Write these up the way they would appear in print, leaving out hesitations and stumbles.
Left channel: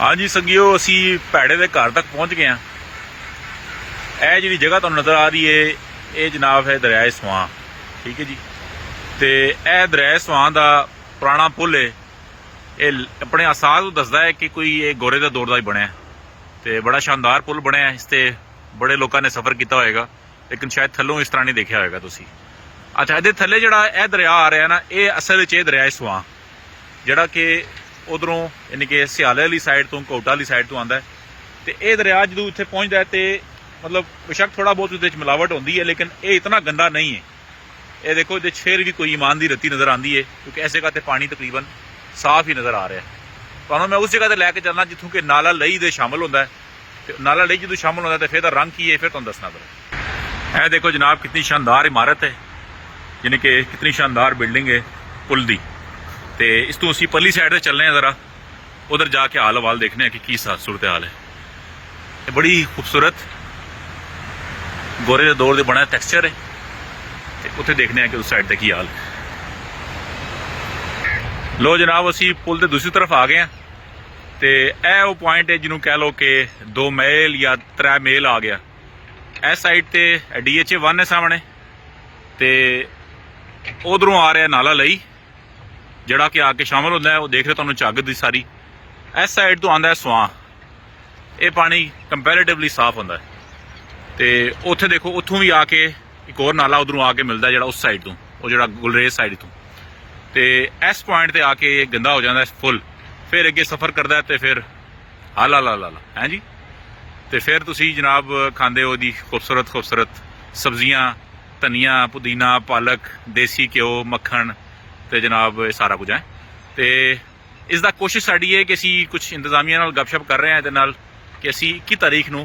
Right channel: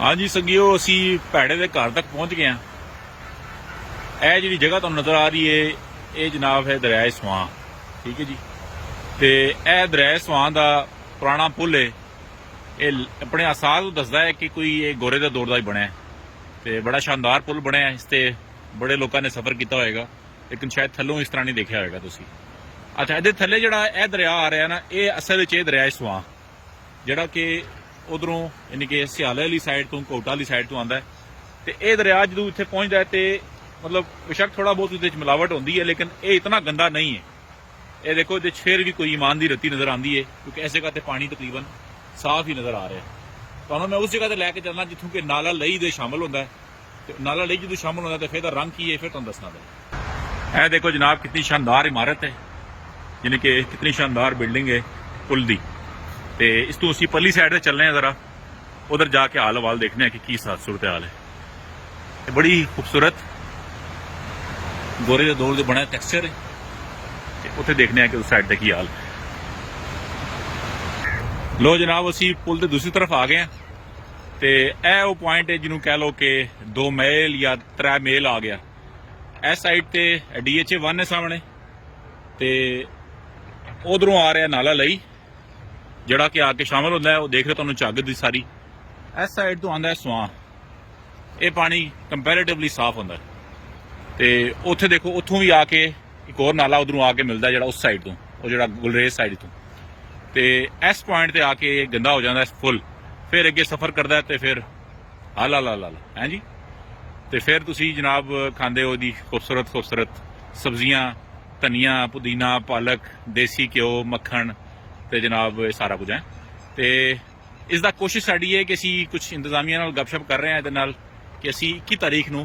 हाँ जी संगियो, असी भैड़े के घर तक पहुंच गए हैं। यह जी जगह तुहानू नज़र आ रही है, ये जनाब है दरियाए स्वां। ठीक है जी। तो यह दरियाए स्वां का पुराना पुल है। ये अपने आसार को दसदा है कि कोई ये गोरे के दौर का ही बनया। तो बड़ा शानदार पुल बनया है। इस पर बड़े लोगों ने सफ़र किया होएगा, लेकिन शायद थल्लों इस तरह नहीं देखा होएगा तुसी। अच्छा, ये थल्ले जड़ा यह दरिया आ रहा है ना, ये असल में दरियाए स्वां जड़ा कि उधरों यानी कि सियाले वाली साइड तो कोटा वाली साइड तो आता है। तो यह दरिया जो इतने पहुँचता है तो मतलब बेशक थोड़ा बहुत उस मिलावट होती है, लेकिन ये इतना गंदा नहीं है। ये देखो ये फिर भी कोई ईमान की रत्ती नज़र आती है, क्योंकि इस जगह पर पानी तकरीबन साफ ही नज़र आ रहा है। तो मैं उस जगह पर लैके चलना जितों कि नाला लई दे शामिल होता है। तो नाला लई जो शामिल होता है तो फिर रंग की है, फिर तुम दसना पड़ा। यह देखो जनाब कितनी शानदार इमारत है, यानी कि कितनी शानदार बिल्डिंग है पुल की। तो इस तू असी परली साइड से चलने हैं, जरा उधर जाके हाल हवाल देखने हैं कि सूरत हाल है। बड़ी खूबसूरत गोरे के दौर से बना टैक्सचर है। तो उत्थे देखने हैं कि उस साइड तक की हाल। लो जनाब असी पुल के दूसरी तरफ आ गए हैं। तो यह वो पॉइंट है जिन्होंने कह लो कि 2 मील या 3 मील आ गया। इस साइड ते DHA1 है सामने, तो उधरों आ रहा नाला लई जड़ा कि आके शामिल होता है। वो देख रहे तुहानू झग दी सारी। इस साइड तो आता है स्वां। ये पानी कंपैरेटिवली साफ होता है। तो उत्थे देखो उतों भी आके एक और नाला उधरों आके मिलता है, जड़ा उस साइड तो वो जड़ा गुलरेज साइड तो। इस पॉइंट पर आके गंदा हो जाता है फुल। फिर अगे सफ़र करता है तो फिर हाला ला ला ला है जी। तो फिर तुसी जनाब खाते हो जी खूबसूरत खूबसूरत सब्जियां, धनिया, पुदीना, पालक, देसी घ्यो, मक्खन, तो जनाब सारा कुछ है। तो इसका कोशिश साड़ी है कि असी कुछ इंतजामिया नाल गपशप कर रहे हैं ये नाल कि असी 21 तारीख नूं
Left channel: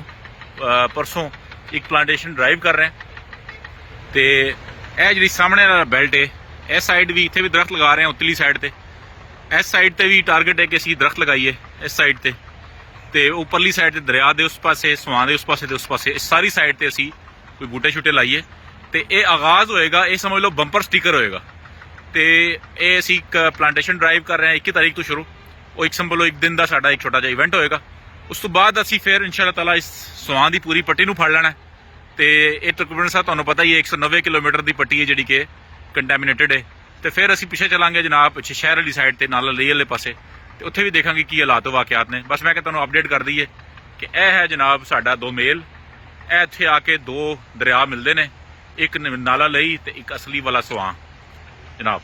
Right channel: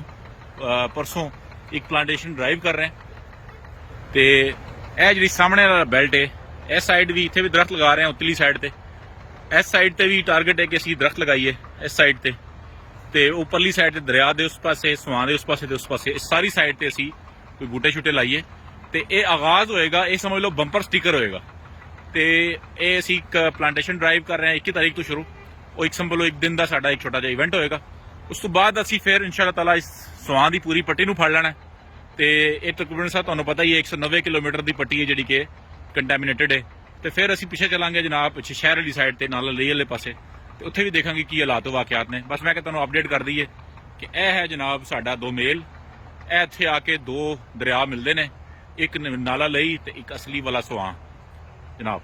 परसों एक प्लांटेशन ड्राइव कर रहे हैं। तो यह जी सामने वाला बेल्ट है, इस साइड भी इतने भी दरख्त लगा रहे हैं उतली साइड पर। इस साइड पर भी टारगेट है कि असी दरख्त लगाइए इस साइड पर। तो उपरली साइड से दरिया के उस पासे, स्वां के उस पासे उस पासे, इस सारी साइड पर असी कोई बूटे शूटे लाइए। तो ये आगाज़ होएगा, ये समझ लो बंपर स्टिकर होएगा। तो ये असी प्लांटेशन ड्राइव कर रहे हैं 21 तारीख तो शुरू। वो एक संभलो एक दिन का साडा एक छोटा जिहा इवेंट होएगा। उस तो बाद असी फिर इंशाअल्लाह ताला इस स्वां की पूरी पट्टी नूं फड़ लेना है। तो ये तकरीबन साहब तुहानूं पता ही है 190 किलोमीटर की पट्टी है जी कि कंटैमीनेटेड है। तो फिर असी पिछे चलांगे जनाब पिछे शहर वाली साइड से नाला लई वाले पासे। तो उत्थे भी देखांगे की हालात वाकियात ने। बस मैं तुहानूं अपडेट कर दईए कि यह है जनाब साडा 2 मील। यह इत्थे आके 2 दरिया मिलते हैं, एक नाला लई तो एक असली वाला स्वां जनाब।